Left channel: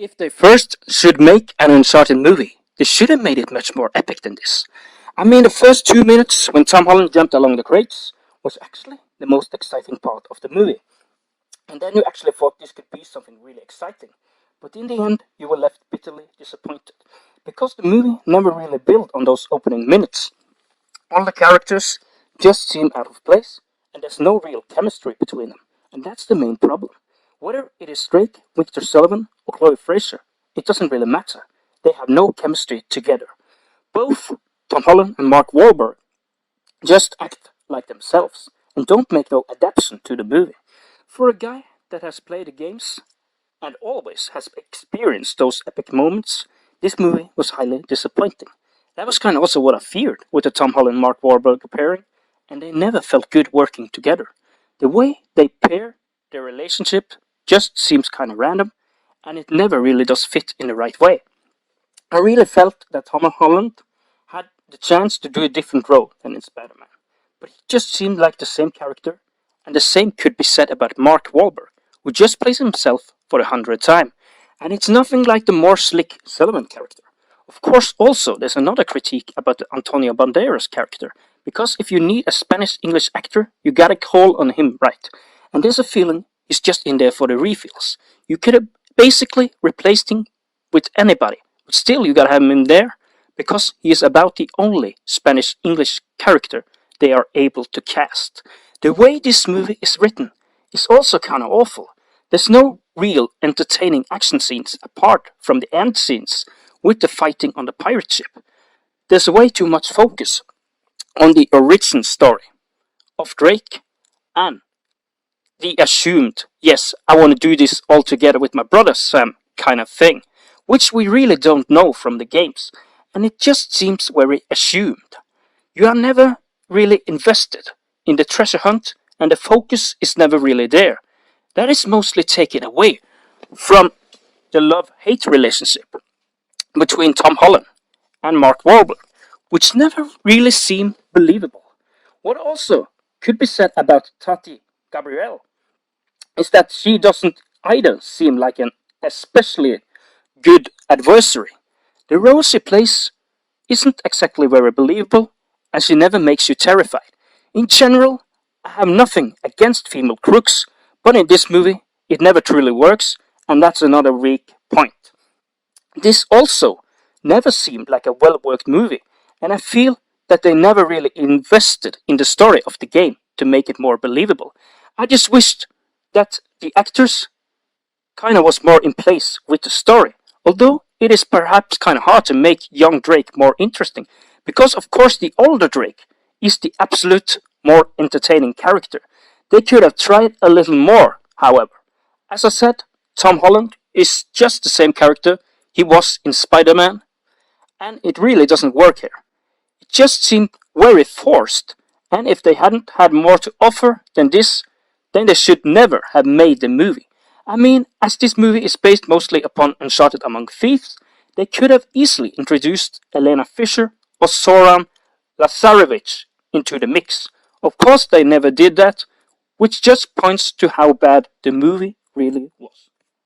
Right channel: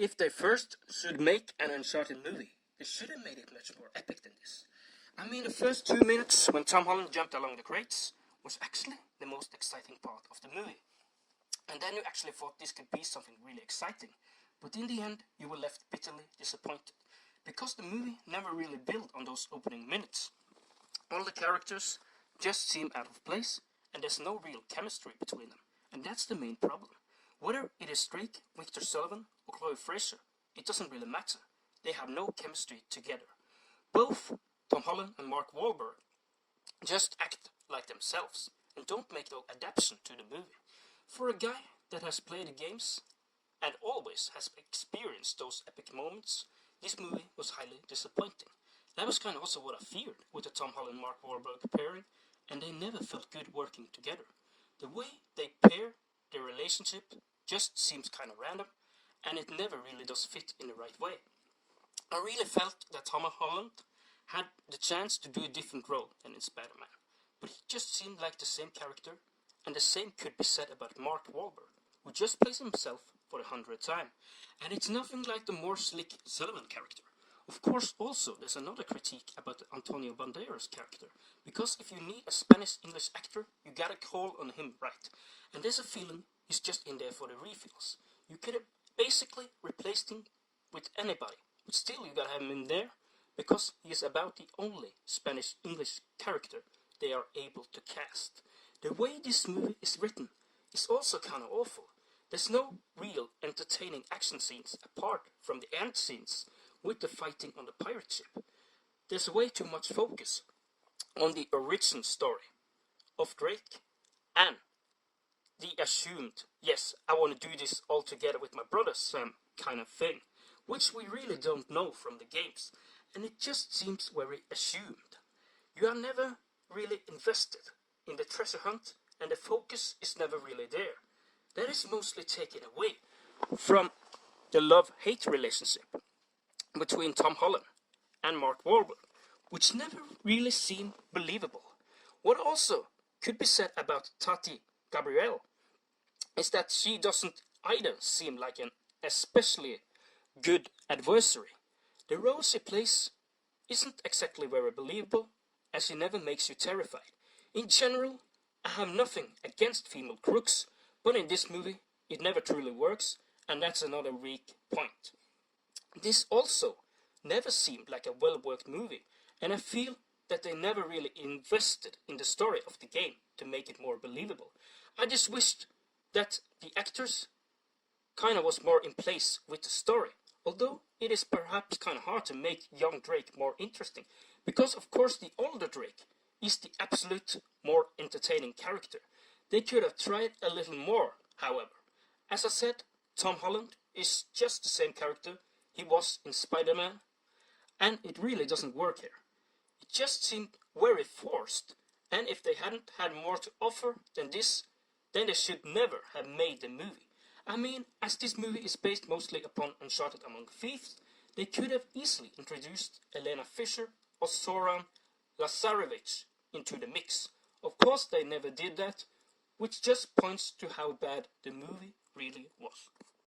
If they first should make an Uncharted movie, they should have made it much more epic than this. I mean, the first 2 minutes when Tom Holland jumped along the crates was actually the most exciting part of the movie. And then you actually thought this could be something really exciting. But in the end, you were left bitterly disappointed. Because the movie never really built on those opening minutes. All the characters just seem out of place, and there's no real chemistry between them. And that's the main problem. Whether it is Drake, Victor Sullivan, or Chloe Fraser, it doesn't really matter. They have no chemistry together. Both Tom Holland and Mark Wahlberg just act like themselves and don't make no adaptation to the movie. For a guy that has played the games and always has experienced those epic moments, this movie was highly disappointing. That was kind of also what I feared with the Tom Holland Mark Wahlberg pairing, and they never felt good working together. The way they pair their relationship just seems kind of random, and it never really does fit in the right way. I really felt that Tom Holland had the chance to do a different role than in Spider-Man, but he just seemed like the same character, and the same could be said about Mark Wahlberg, who just plays himself for the 100th time, and it's nothing like the more slick Sullivan character. Of course, also, there's another critique about the Antonio Banderas character, because if you need a Spanish-English actor, you gotta call on him right, and there's a feeling he's just in there for the refills. You could have basically replaced him with anybody, but still you gotta have him in there, because he is about the only Spanish-English character they are able to cast. The way this movie is written is also kinda awful. There's no real entertaining action scenes apart from the end scenes with the fighting on the pirate ship. There's way too much focus on the origin story of Drake and the assumed, yes, I want to do this all together with my brother Sam kind of thing, which we really don't know from the games, and it just seems very assumed. You are never really invested in the treasure hunt, and the focus is never really there. That is mostly taken away from the love-hate relationship between Tom Holland and Mark Wahlberg, which never really seem believable. What also could be said about Tati Gabrielle is that she doesn't either seem like an especially good adversary. The role she plays isn't exactly very believable, and she never makes you terrified. In general, I have nothing against female crooks, but in this movie, it never truly works, and that's another weak point. This also never seemed like a well-worked movie, and I feel that they never really invested in the story of the game to make it more believable. I just wished that the actors kinda was more in place with the story, although it is perhaps kinda hard to make young Drake more interesting, because of course the older Drake is the absolute more entertaining character. They could have tried a little more, however. As I said, Tom Holland is just the same character he was in Spider-Man, and it really doesn't work here. It just seemed very forced, and if they hadn't had more to offer than this, then they should never have made the movie. I mean, as this movie is based mostly upon Uncharted Among Thieves, they could have easily introduced Elena Fisher or Zoran Lazarevich into the mix. Of course they never did that, which just points to how bad the movie really was.